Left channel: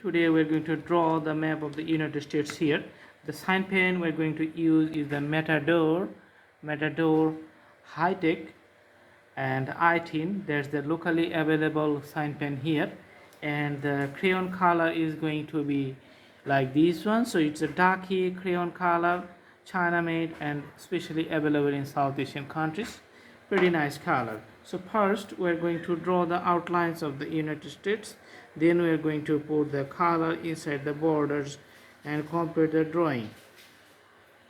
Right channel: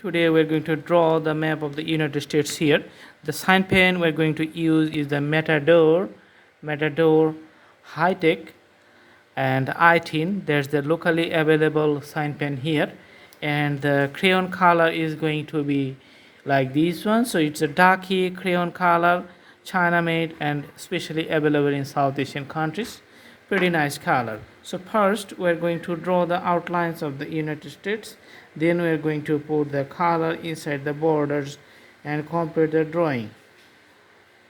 Today we're going to draw the map of the United States here. The sign pen we're going to use is the Matador High Tech and I-10. There's the locally available sign pen here, and the crayon color is going to be like this one. So it's a darky crayon color, China made and specially available in South Asian countries. Pretty nice color. So first we're going to draw the outlines of the United States, then we're going to put the color inside the borders and complete the drawing.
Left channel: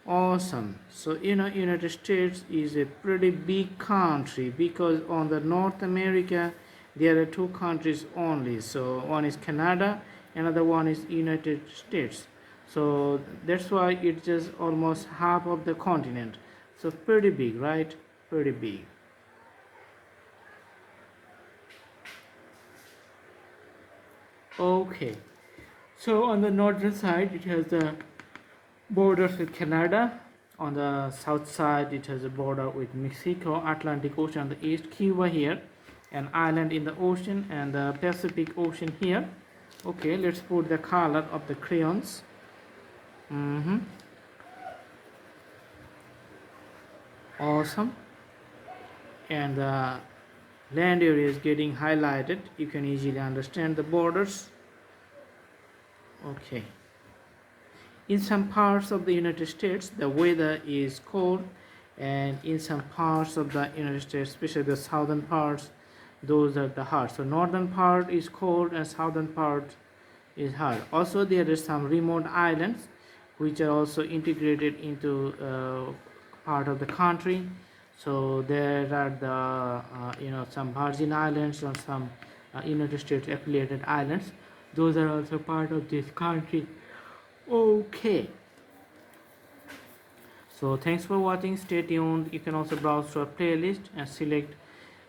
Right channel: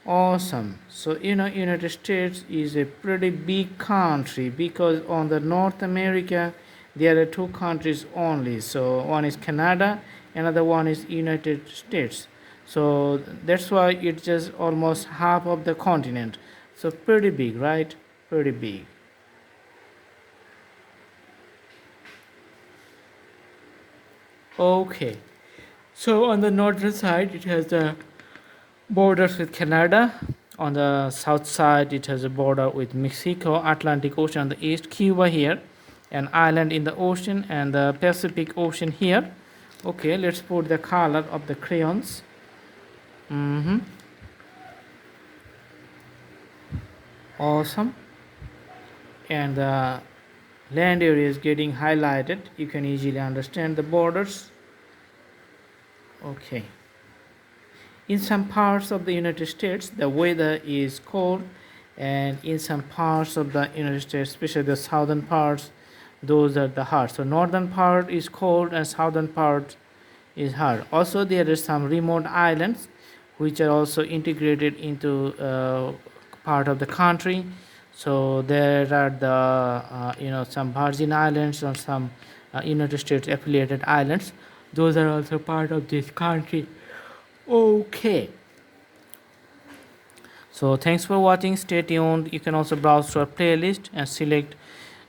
Awesome. So United States is a pretty big country, because on the North America there are two countries only. So one is Canada, another one is United States. So that's why it's just almost half of the continent. So pretty big, right? Pretty big. Okay. So on the northern side it has the borders with Canada. On the south side it has a border with Mexico, Atlantic Ocean on the east, Cuba here, an island in the ocean, and the Pacific Ocean here. Okay, let's put the color of the crayons. Awesome. And the land area is getting highlighted. You can easily understand the borders. Okay. In some parts of the United States the weather is cold, and in some parts of the United States, especially the southern parts, those are the hot. So northern part is cold and southern part is hot. Also there are some remote islands which are also integrated into part of the country. So there are the some Virgin Islands or some United States affiliated islands. Those are also part of this country. Okay, so thanks for watching. Stay tuned. You can also browse to our playlist and select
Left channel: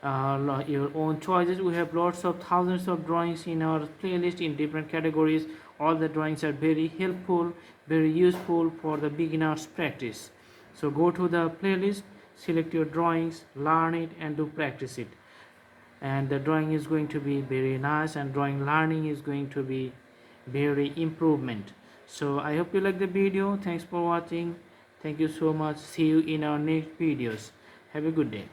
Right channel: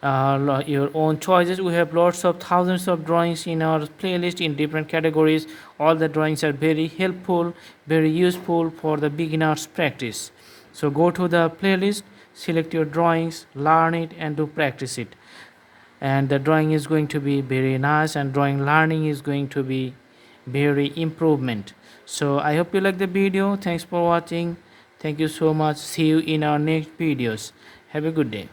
your own choices. We have lots of thousands of drawings in our playlist in different categories. All the drawings are very helpful, very useful for the beginners practice. So go to the playlist, select your drawings, learn it, and do practice it. And the drawing is going to be very nice, and drawing learning is going to be very improvement. So I hope you like the video. Thanks for watching. Thank you so much. See you in our next videos. Have a good day.